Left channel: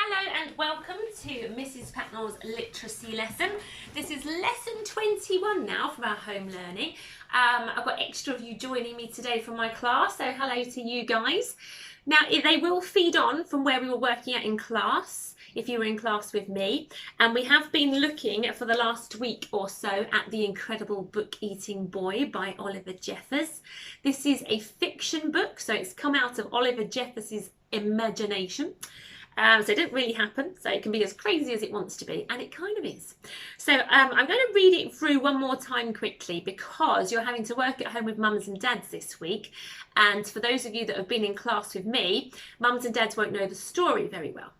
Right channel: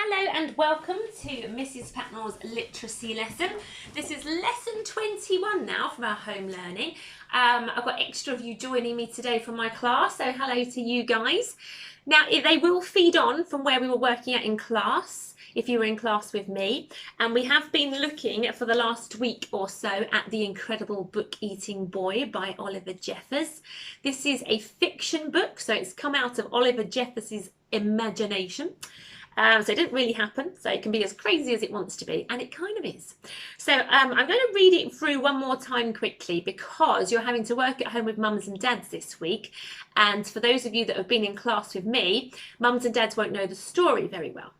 Hello and welcome to Mrs. Patnell's literacy lesson. This is lesson 21 now from our home learning. I've got extra of you joining me today from my class, so hello to you guys. Now they will feed on from where we were working at in class, if you were in class with me, and we have been looking for the last week or so at The Incredible Book Eating Boy by Oliver Jeffers. This is a fiction book, so it's come out of Oliver Jeffers' imagination. So it didn't really happen, so it can be as crazy as it wants to be, and it kind of is. So I'm going to read it through one more time quickly because you're having to work at home with mums and dads this week, and for those of you that have been in class with me, mums and dads won't know the story very well.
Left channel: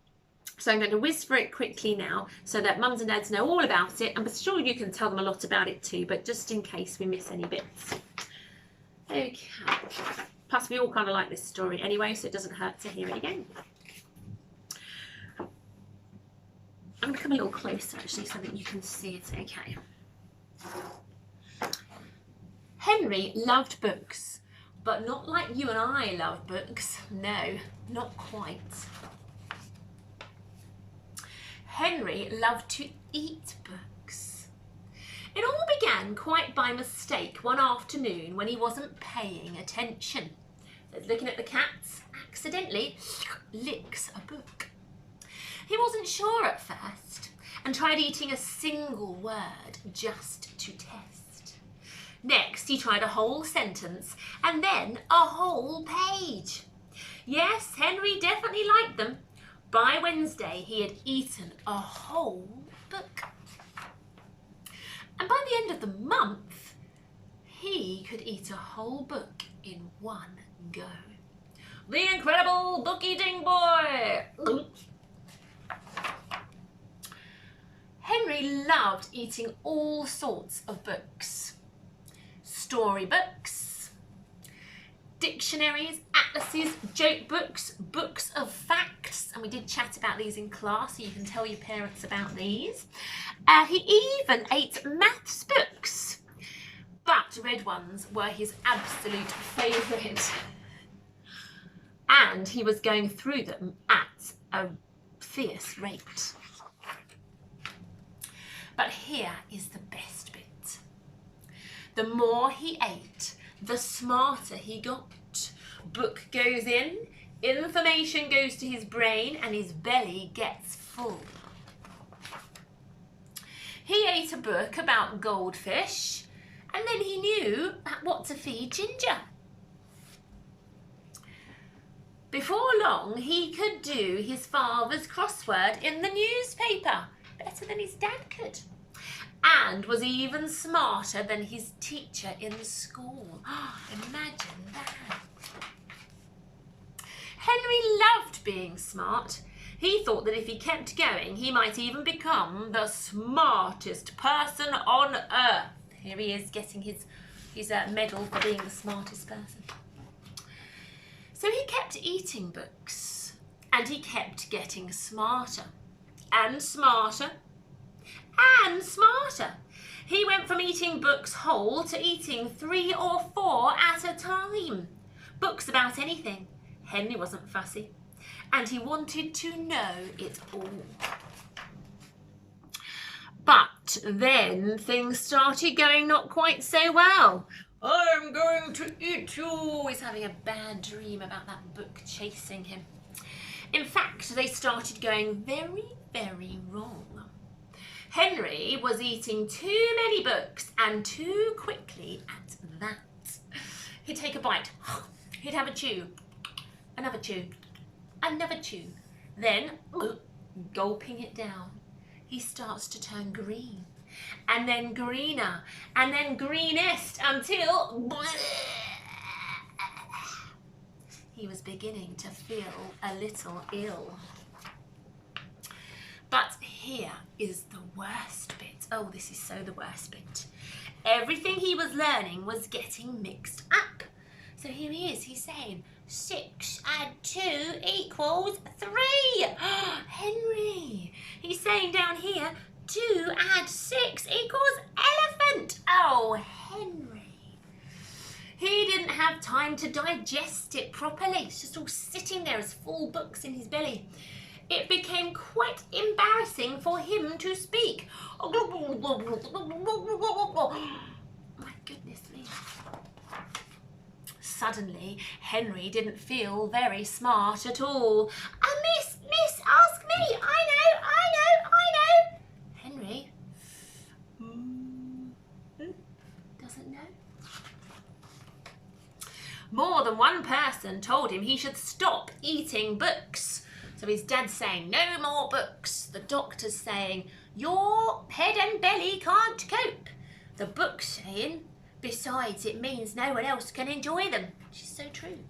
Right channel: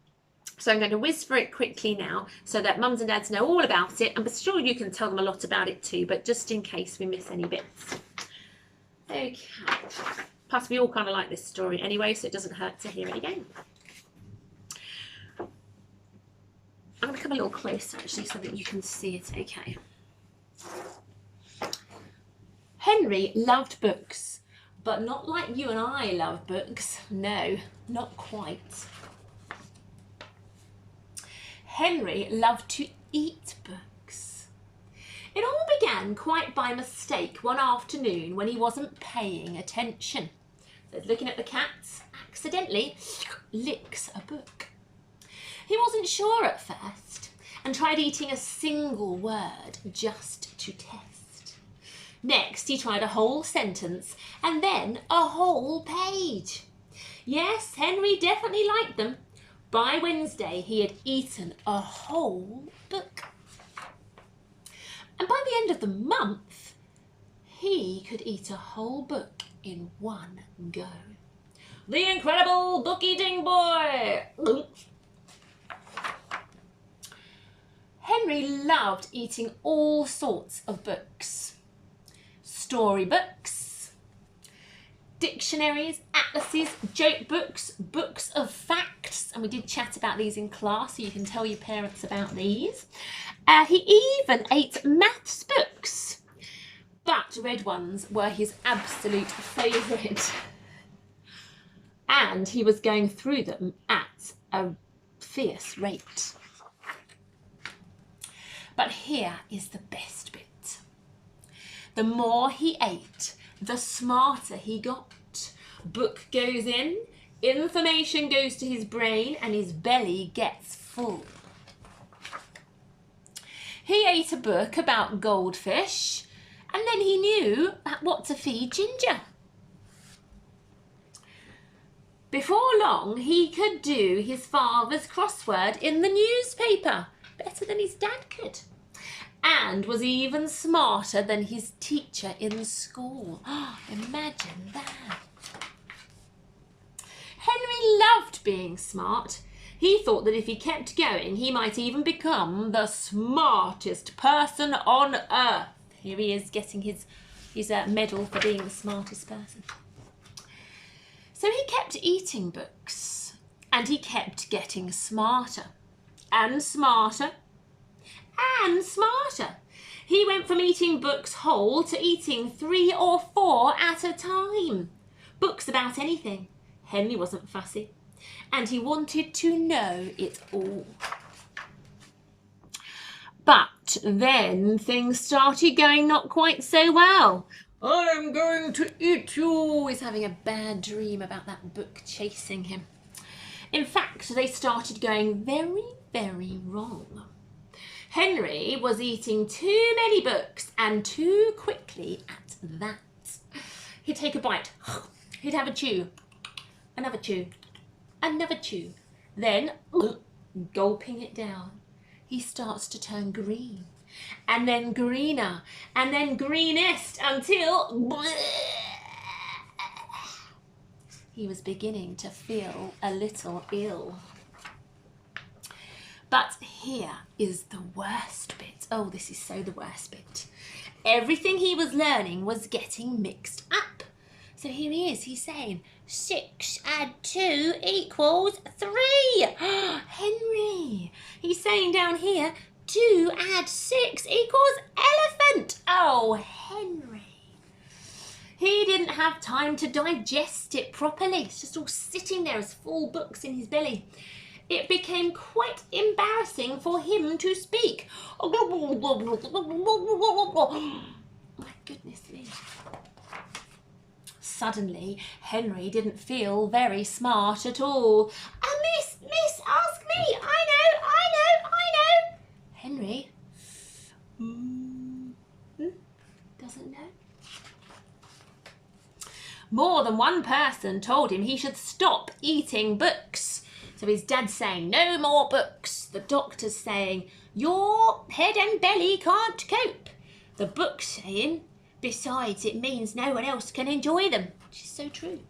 So I'm going to whiz through it quickly now so that mums and dads know all about it, and I'm sure you can tell them a lot about it too, but just in case we miss any bits. Okay, plus we all kind of like this story anyway, so it doesn't hurt to hear it again. I'm going to come a little closer actually so that you can see it okay. Henry loved books, but not like you and I love books. No, not quite. Henry loved to eat books. It all began quite by mistake one afternoon when he wasn't paying attention. So looking at the cat, accidentally licks a book. He wasn't sure at first and tried eating a single word just to test. Next, he tried a whole sentence and then a whole page. Yes, Henry definitely liked them. By Wednesday, he had eaten a whole book. And by the end of the month, he could eat a whole book in one go. The Incredible Book Eating Boy! Henry loved eating all sorts of books. Storybooks, dictionaries, atlases, joke books, books of facts, and we did chat about these in class, so you can tell your parents about these. He even ate maths books, but red ones were his absolute favourite. And he was going through them at a fierce rate. But here is the best bit. The more he ate, the smarter he got. Book goes in, information goes to his brain, and his belly gets full. He ate a book about goldfish, and then he knew what to feed Ginger. Before long, he could do his father's crossword in the newspaper better than his dad could, and was even smarter than his teacher in school. Oh, imagine that. Henry loved being smart. He thought that if he kept going, he might even become the smartest person on earth. Here he is getting his medal for being the smartest person. So he kept eating books, and he kept getting smarter. And smarter, and smarter. He went from eating books whole to eating 3 or 4 at a time. Books about anything. Henry wasn't fussy, and he wanted to know it all. But then things started going not quite so well. I'm going to eat you. He's having a bad dream about that book chasing him. In fact, they started going very, very wrong. Henry was eating too many books, and too quickly at that. He'd take a bite, he'd have a chew, another chew, another chew. Then, gulping it down, he starts to turn green, and then greener, and then greenest, until he was beginning to feel a little ill. But here is the worst bit. Oh, this is so the worst bit. Everything he was learning was getting mixed up. So here he is, he's saying, 6 add 2 equals 3. Henry, he's saying down here, 2 add 6 equals elephant. Oh, Henry. He didn't have time to digest it properly. It's just all sitting there as full books in his belly. it became quite embarrassing for him to speak. My goodness me. Suddenly, Henry didn't feel very smart at all. Miss, ask me. I know. Henry doesn't know. More than one person told him he should stop eating books. So his dad's saying, no more books. The doctor's saying, your head and belly can't cope. The book's saying, besides, it means no one else can enjoy them, which is so true.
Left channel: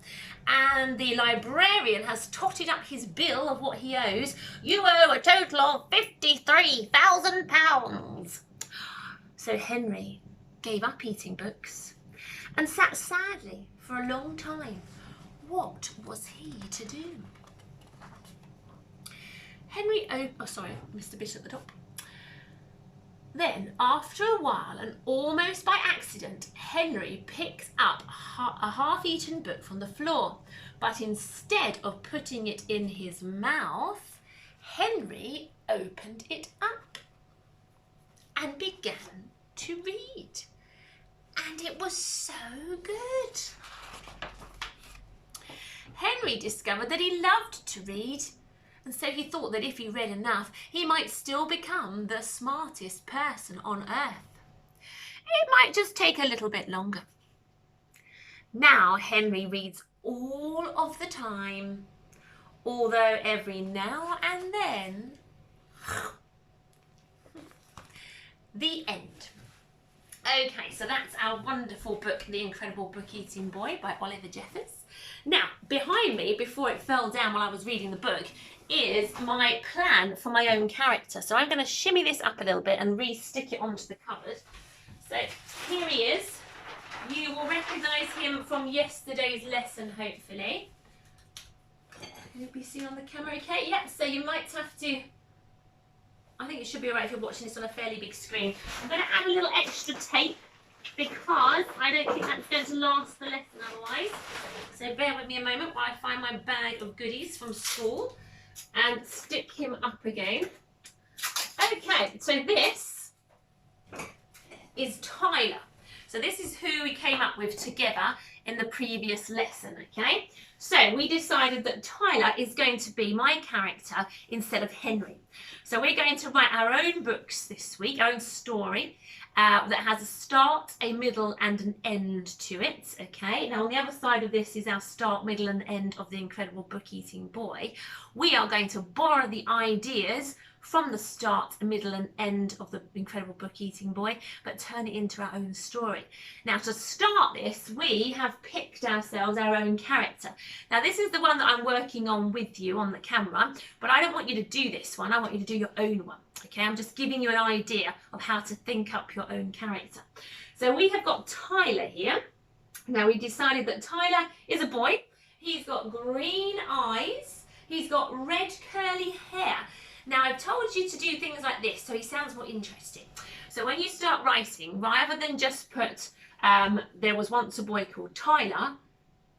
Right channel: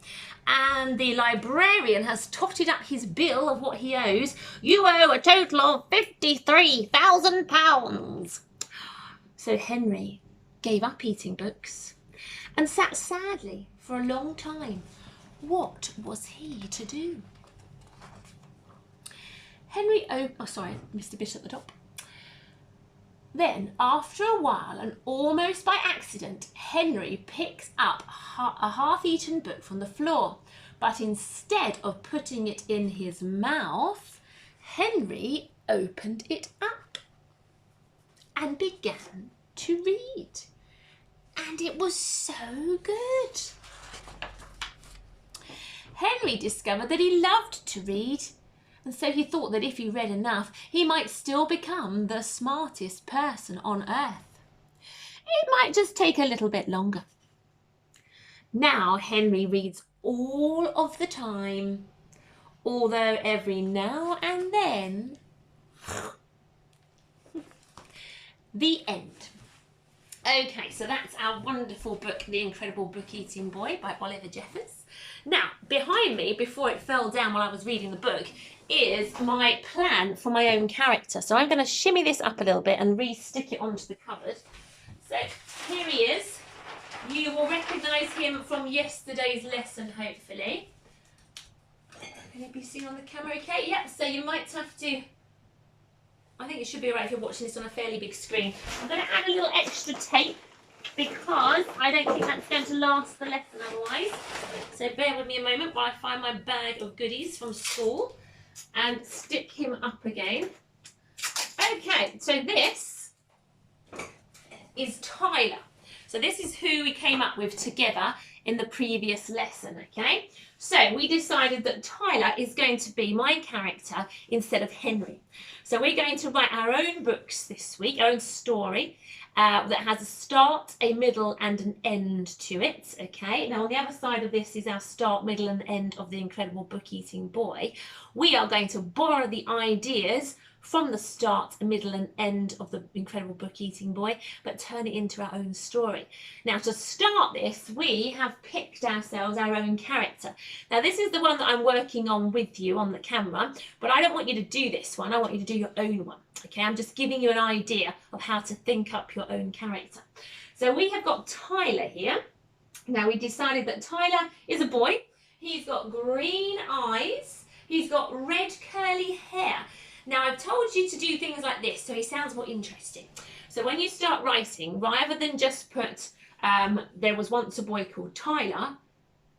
And the librarian has totted up his bill of what he owes. You owe a total of £53,000. So Henry gave up eating books and sat sadly for a long time. What was he to do? Henry missed a bit at the top. Then, after a while, and almost by accident, Henry picked up a half-eaten book from the floor. But instead of putting it in his mouth, Henry opened it up and began to read. And it was so good. Henry discovered that he loved to read. And so he thought that if he read enough, he might still become the smartest person on earth. It might just take a little bit longer. Now Henry reads all of the time, although every now and then. The end. Okay, so that's our wonderful book, The Incredible Book Eating Boy by Oliver Jeffers. Now, behind me, before it fell down while I was reading the book, is my plan for my own character. So I'm going to shimmy this up a little bit and re-stick it onto the cupboard. So here he is. You will recognise him from yesterday's lesson, hopefully. Can it be seen on the camera okay? Yep, so you might have to... I think it should be alright if you're watching this on a fairly big screen. I'm going to add a little extra tape because I don't think that's going to last the lesson otherwise. So bear with me a moment while I find my bag of goodies from school and stick him up again. Okay, so this is Tyler. So this is who we came up with together in the previous lesson, okay? So we decided that Tyler is going to be my character instead of Henry. So we're going to write our own books this week, our own story that has a start, a middle and an end to it, okay? Now on the other side of this is our start, middle and end of The Incredible Book Eating Boy. We are going to borrow the ideas from the start, middle and end of The Incredible Book Eating Boy, but turn it into our own story. Now to start this, we have picked ourselves our own character. Now this is the one that I'm working on with you on the camera, but I don't want you to do this one, I want you to do your own one. Okay, I'm just giving you an idea of how to think up your own character. So we have got Tyler here. Now we decided that Tyler is a boy. He's got green eyes. He's got red curly hair. Now I've told you to do things like this so he sounds more interesting. So when you start writing, rather than just put there was once a boy called Tyler,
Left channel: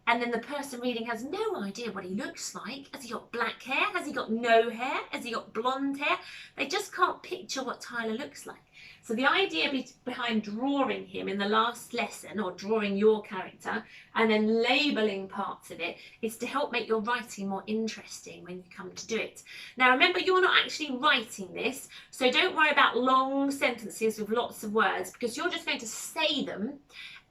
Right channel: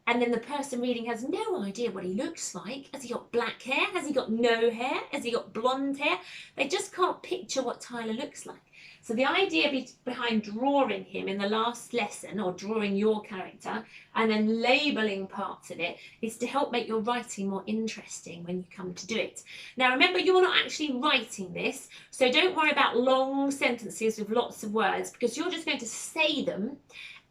and then the person reading has no idea what he looks like. Has he got black hair? Has he got no hair? Has he got blonde hair? They just can't picture what Tyler looks like. So the idea behind drawing him in the last lesson, or drawing your character, and then labelling parts of it, is to help make your writing more interesting when you come to do it. Now remember, you're not actually writing this, so don't worry about long sentences with lots of words, because you're just going to say them,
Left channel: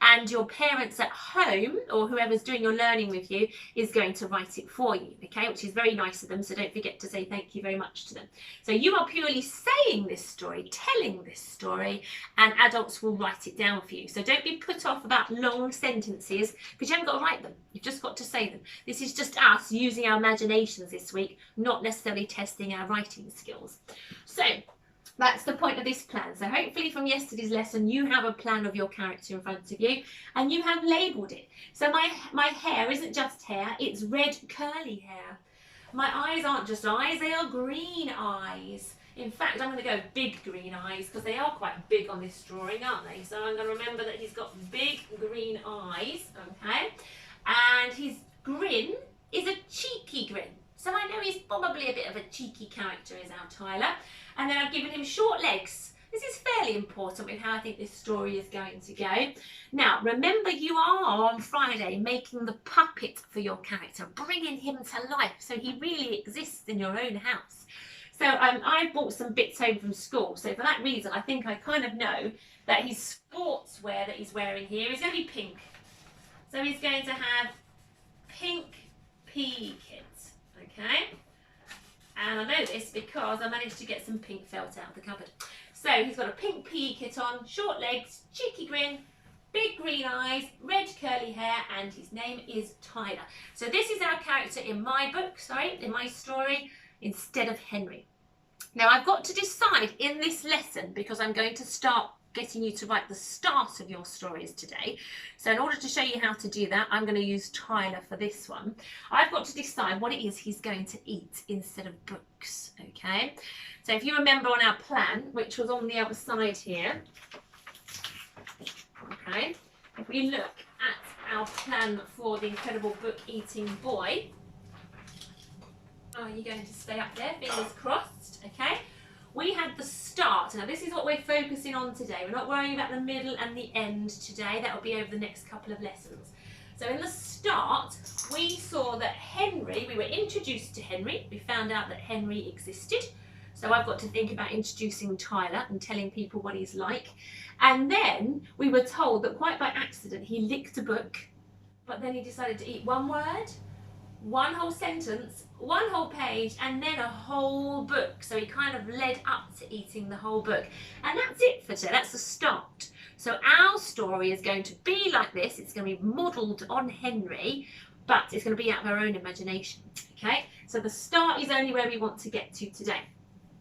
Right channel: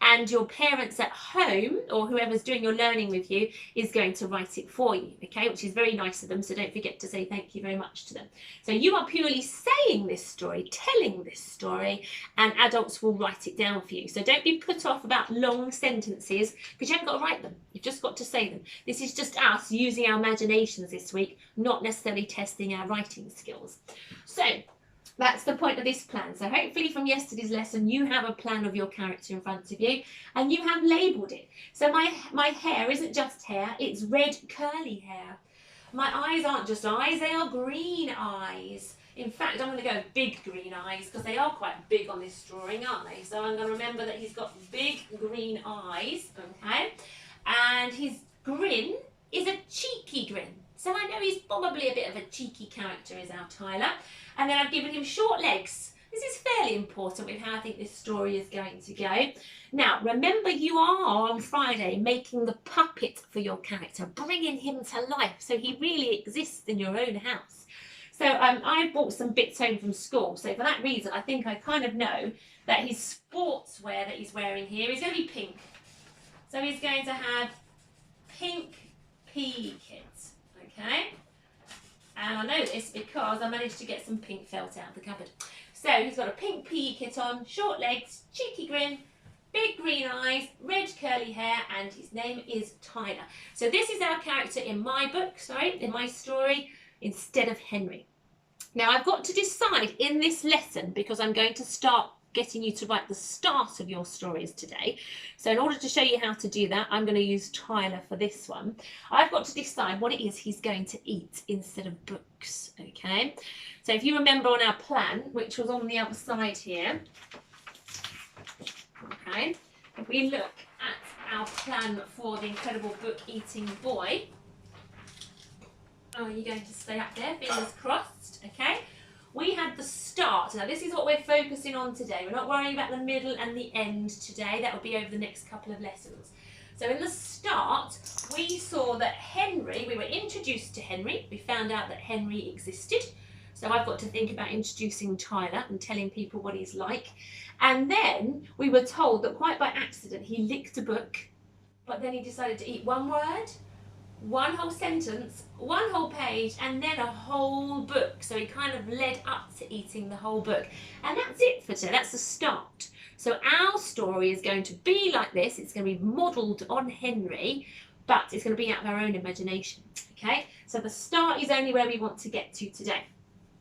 and your parents at home, or whoever's doing your learning with you, is going to write it for you, okay? Which is very nice of them, so don't forget to say thank you very much to them. So you are purely saying this story, telling this story, and adults will write it down for you. So don't be put off about long sentences, because you haven't got to write them. You've just got to say them. This is just us using our imaginations this week, not necessarily testing our writing skills. So that's the point of this plan. So hopefully from yesterday's lesson, you have a plan of your character in front of you and you have labelled it. So my hair isn't just hair, it's red curly hair. My eyes aren't just eyes, they are green eyes. In fact, I'm going to go big green eyes because they are quite big on this drawing, aren't they? So I'm going to remember that he's got big green eyes, okay? And his grin is a cheeky grin. So I know he's probably a bit of a cheeky character, is our Tyler. And then I've given him short legs. This is fairly important with how I think this story is going to go. Now, remember, you are on Friday making the puppet for your character, bringing him to life so he really exists in your own house. So I bought some bits home from school. So for that reason, I think I kind of know that his sportswear that he's wearing here is going to be pink. So he's going to have pink PE kits, okay? And I know this because I managed to get some pink felt out of the cupboard. So he's got a pink PE kit on, short legs, cheeky grin, big green eyes, red curly hair, and his name is Tyler. So this is our character in my book, in my story, instead of Henry. Now I've got to decide in this lesson, because I'm going to start getting you to write the start of your stories today. So in order to show you how to do that, I'm going to use Tyler for this one. I've got to decide what it is he's going to eat instead of books, okay? So if you remember on our plan, which was on the other side here, okay, if we look at our plan for the Incredible Book Eating Boy, are you going to stay up there, fingers crossed, okay? We had the start. Now this is what we're focusing on today. We're not worrying about the middle and the end today. That will be over the next couple of lessons. So in the start, we saw that Henry, we were introduced to Henry. We found out that Henry existed. So I've got to think about introducing Tyler and telling people what he's like. And then we were told that quite by accident, he licked a book, but then he decided to eat one word, one whole sentence, one whole page, and then a whole book. So he kind of led up to eating the whole book. And that's it for today. That's the start. So our story is going to be like this. It's going to be modelled on Henry, but it's going to be out of our own imagination. Okay? So the start is only where we want to get to today.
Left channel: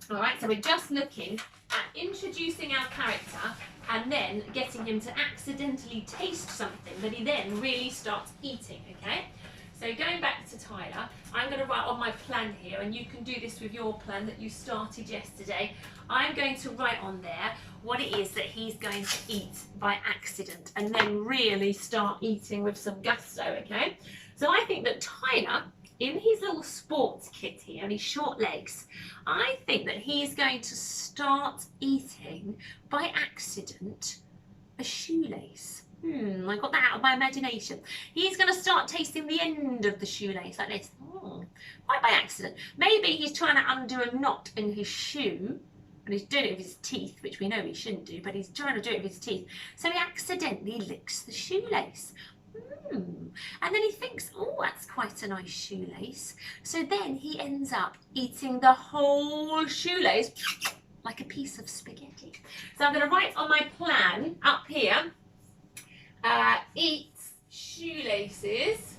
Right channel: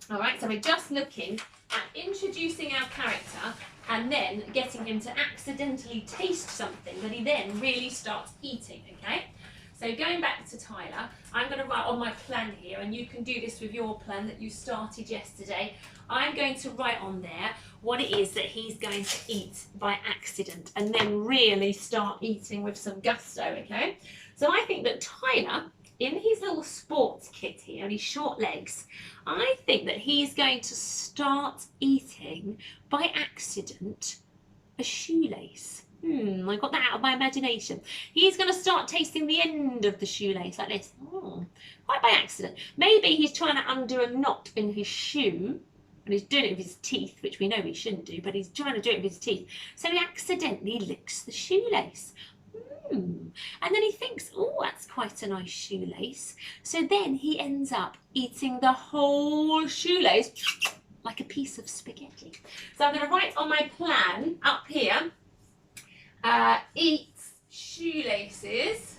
All right? So we're just looking at introducing our character and then getting him to accidentally taste something that he then really starts eating. Okay? So going back to Tyler, I'm going to write on my plan here, and you can do this with your plan that you started yesterday. I'm going to write on there what it is that he's going to eat by accident and then really start eating with some gusto, okay? So I think that Tyler, in his little sports kit here and his short legs, I think that he's going to start eating by accident a shoelace. I got that out of my imagination. He's going to start tasting the end of the shoelace like this. Quite by accident. Maybe he's trying to undo a knot in his shoe, and he's doing it with his teeth, which we know he shouldn't do, but he's trying to do it with his teeth. So he accidentally licks the shoelace. And then he thinks, oh, that's quite a nice shoelace. So then he ends up eating the whole shoelace like a piece of spaghetti. So I'm going to write on my plan up here, eats shoelaces,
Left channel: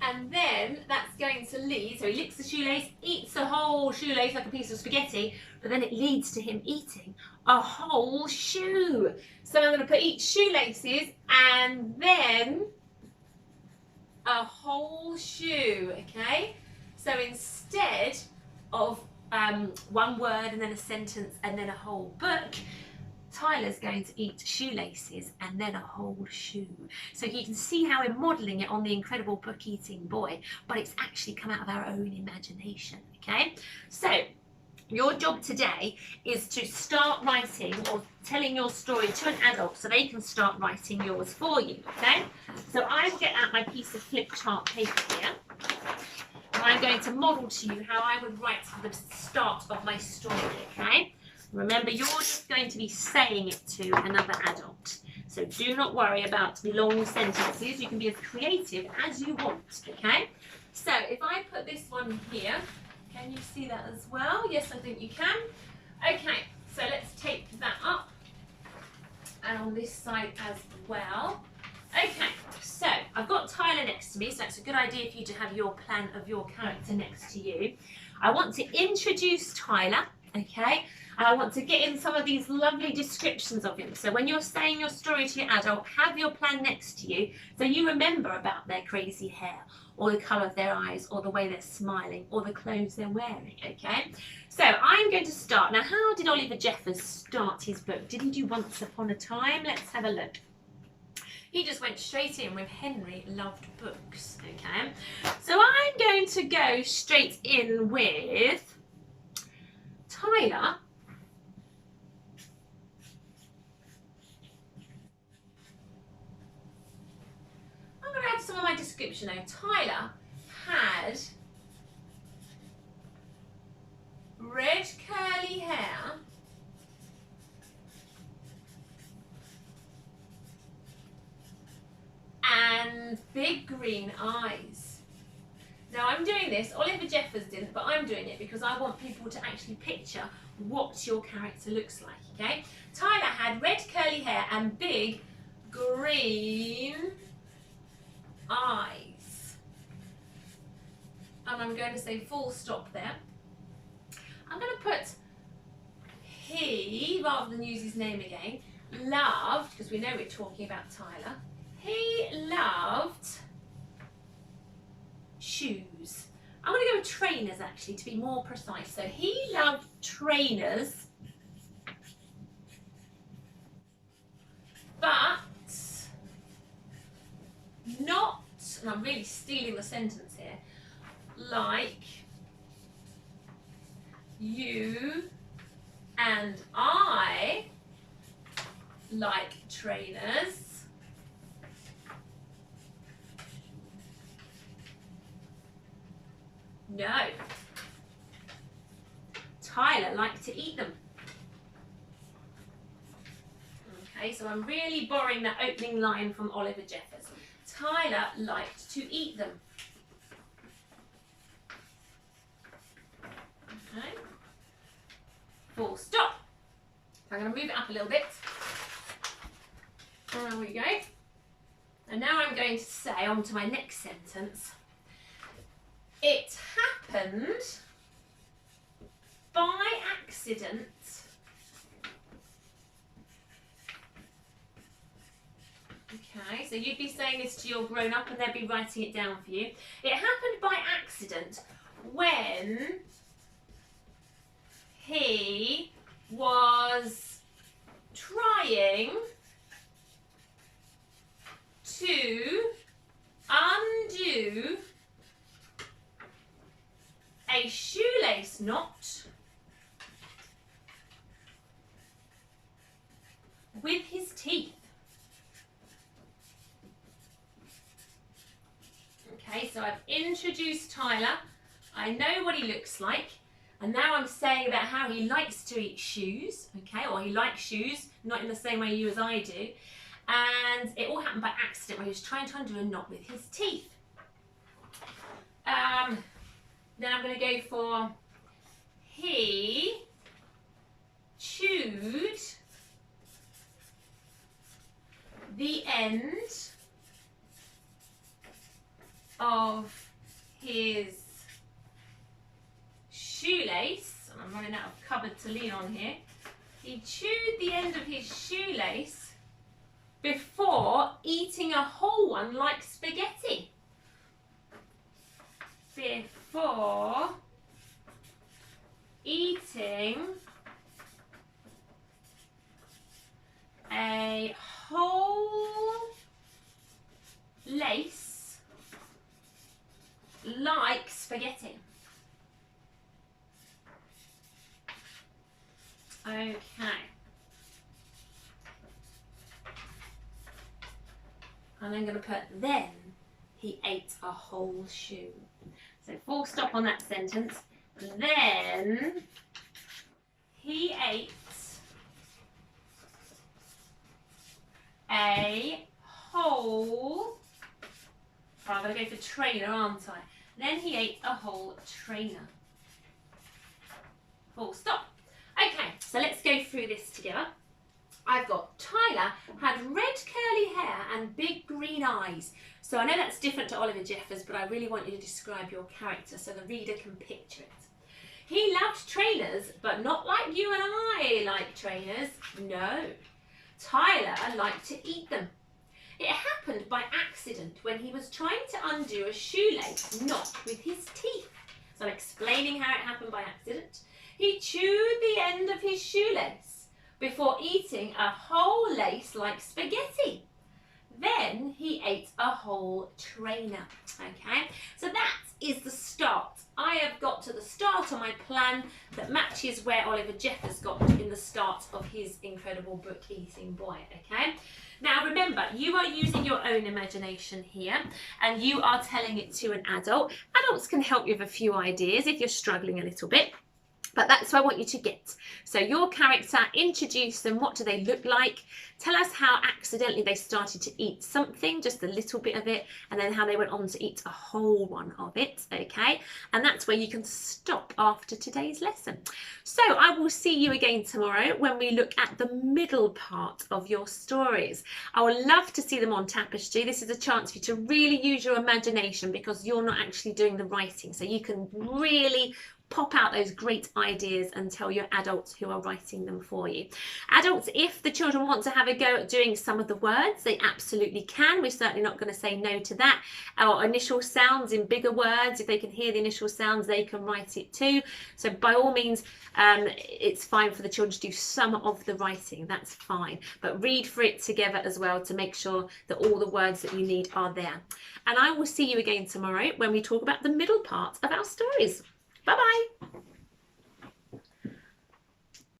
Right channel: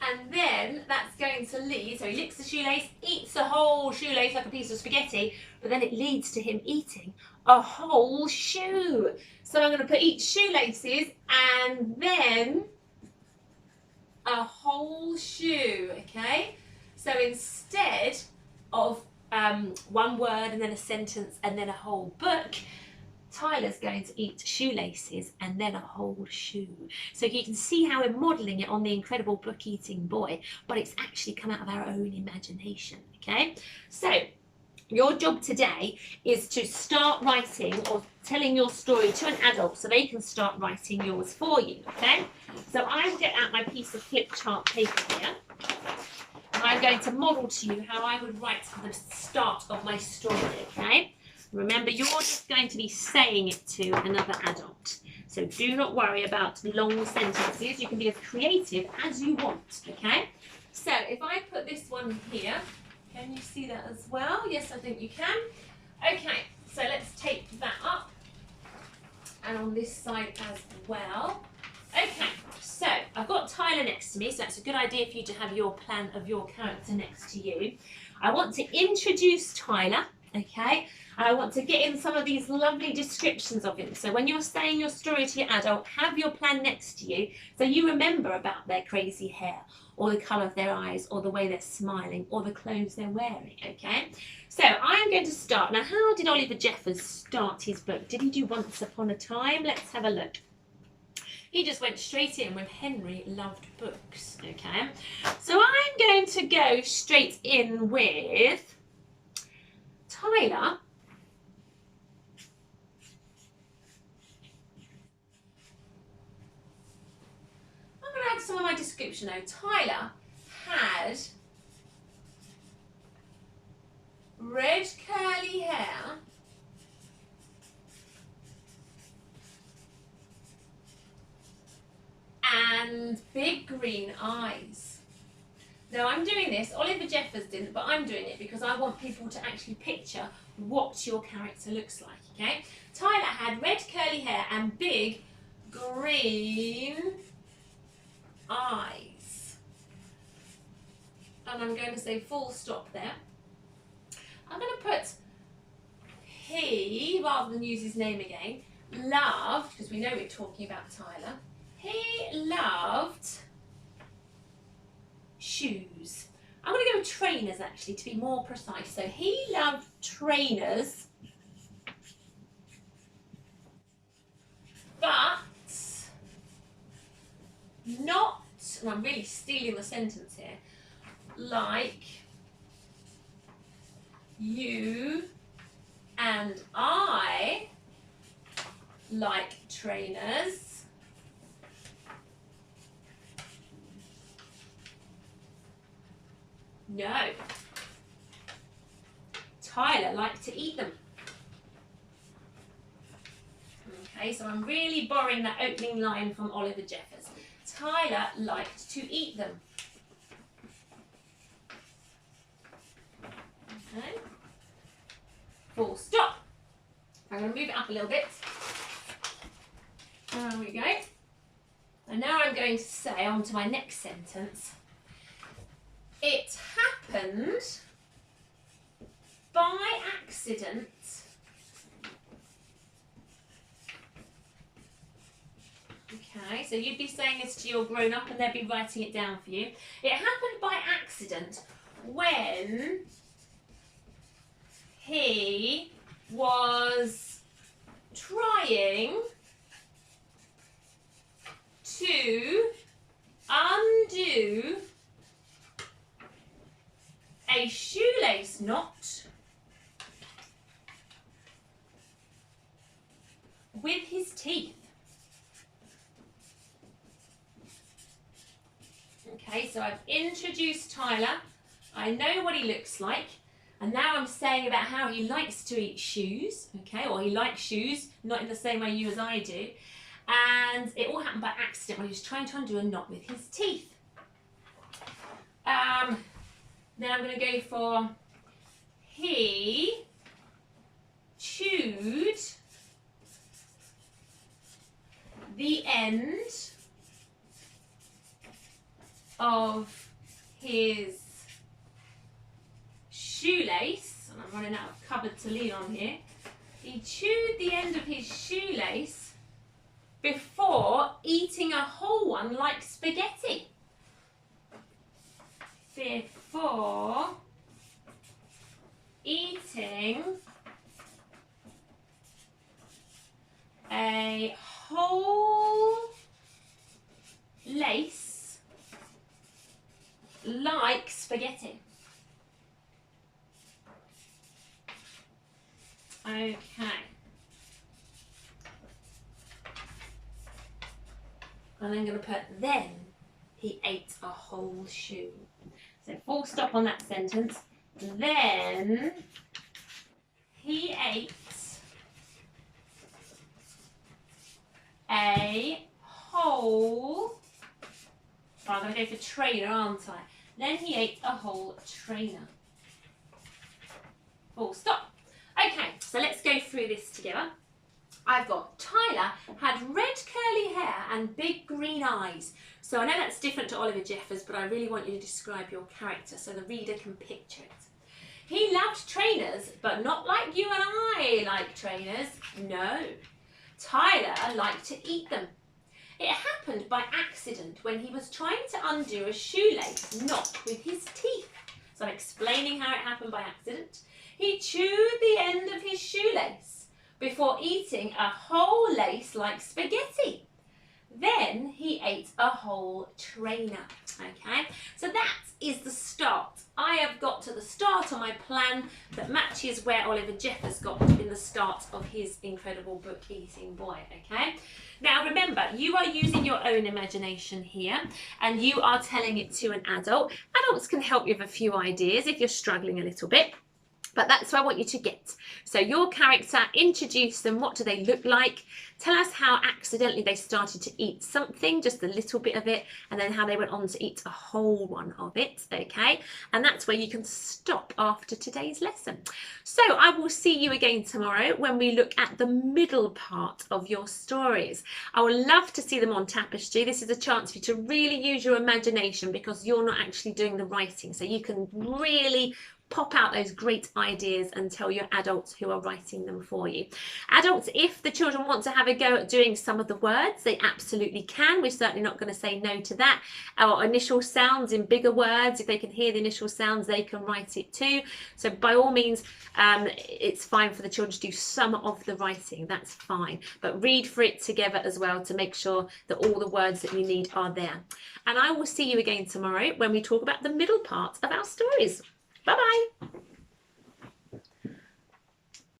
and then that's going to lead, so he licks the shoelace, eats the whole shoelace like a piece of spaghetti, but then it leads to him eating a whole shoe. So I'm going to put eat shoelaces and then a whole shoe, okay? So instead of one word and then a sentence and then a whole book, Tyler's going to eat shoelaces and then a whole shoe. So you can see how we're modelling it on the Incredible Book Eating Boy, but it's actually come out of our own imagination, okay? So your job today is to start writing or telling your story to an adult so they can start writing yours for you, okay? So I'll get out my piece of flip chart paper here. And I'm going to model to you how I would write the start of my story, okay? Remember, you're just going to be saying it to another adult. So do not worry about long sentences. You can be as creative as you want, okay? So if I put this one here, can you see that as well? Yes, I think you can. Okay, so let's tape that up. And on this side as well. Okay, so I've got Tyler next to me, so it's a good idea for you to have your plan of your character next to you. I want to introduce Tyler, okay? And I want to get in some of these lovely descriptions of him. So when you're saying your story to your adult, have your plan next to you so you remember about their crazy hair or the colour of their eyes or the way they're smiling or the clothes they're wearing, okay? So I'm going to start. Now, how did Oliver Jeffers start his book? Did he do Once Upon a Time? Let's have a look. He just went straight in with Henry loved books, okay? So I'm going to go straight in with Tyler. I'm going to add some of my description now. Tyler had red curly hair and big green eyes. Now I'm doing this, Oliver Jeffers didn't, but I'm doing it because I want people to actually picture what your character looks like, okay? Tyler had red curly hair and big green eyes. And I'm going to say full stop there. I'm going to put he, rather than use his name again, loved, because we know we're talking about Tyler, he loved shoes. I'm going to go with trainers actually to be more precise. So he loved trainers, but not, and I'm really stealing the sentence here, like you and I like trainers. No. Tyler liked to eat them. Okay, so I'm really borrowing that opening line from Oliver Jeffers. Tyler liked to eat them. Okay. Full stop. I'm going to move it up a little bit. There we go. And now I'm going to say on to my next sentence. It happened by accident okay, so you'd be saying this to your grown-up and they'd be writing it down for you. It happened by accident when he was trying to undo a shoelace knot with his teeth. Okay, so I've introduced Tyler. I know what he looks like. And now I'm saying about how he likes to eat shoes. Okay, or he likes shoes, not in the same way you as I do. And it all happened by accident when he was trying to undo a knot with his teeth. Then I'm going to go for he chewed the end of his shoelace, and I'm running out of cupboard to lean on here. He chewed the end of his shoelace before eating a whole one like spaghetti. Before eating a whole lace like spaghetti. Okay. And I'm going to put then he ate a whole shoe. So full stop on that sentence. Then he ate a whole, so I'm going to go for trainer, aren't I? Then he ate a whole trainer. Full stop. Okay, so let's go through this together. I've got Tyler had red curly hair and big green eyes. So I know that's different to Oliver Jeffers, but I really want you to describe your character so the reader can picture it. He loved trainers, but not like you and I like trainers. No. Tyler liked to eat them. It happened by accident when he was trying to undo a shoelace knot with his teeth. So I'm explaining how it happened by accident. He chewed the end of his shoelace before eating a whole lace like spaghetti. Then he ate a whole trainer. Okay, so that is the start. I have got to the start of my plan that matches where Oliver Jeff has got in the start of his incredible book, Eating Boy. Okay, now remember, you are using your own imagination here and you are telling it to an adult. Adults can help you with a few ideas if you're struggling a little bit. But that's what I want you to get. So your character, introduce them. What do they look like? Tell us how accidentally they started to eat something, just a little bit of it, and then how they went on to eat a whole one of it, okay? And that's where you can stop after today's lesson. So I will see you again tomorrow when we look at the middle part of your stories. I would love to see them on Tapestry. This is a chance for you to really use your imagination because you're not actually doing the writing. So you can really pop out those great ideas and tell your adults who are writing them for you. Adults, if the children want to have a go at doing some of the words, they absolutely can. We're certainly not going to say no to that. Our initial sounds in bigger words, if they can hear the initial sounds, they can write it too. So by all means, it's fine for the children to do some of the writing. That's fine. But read for it together as well to make sure that all the words that you need are there. And I will see you again tomorrow when we talk about the middle part of our stories. Bye-bye.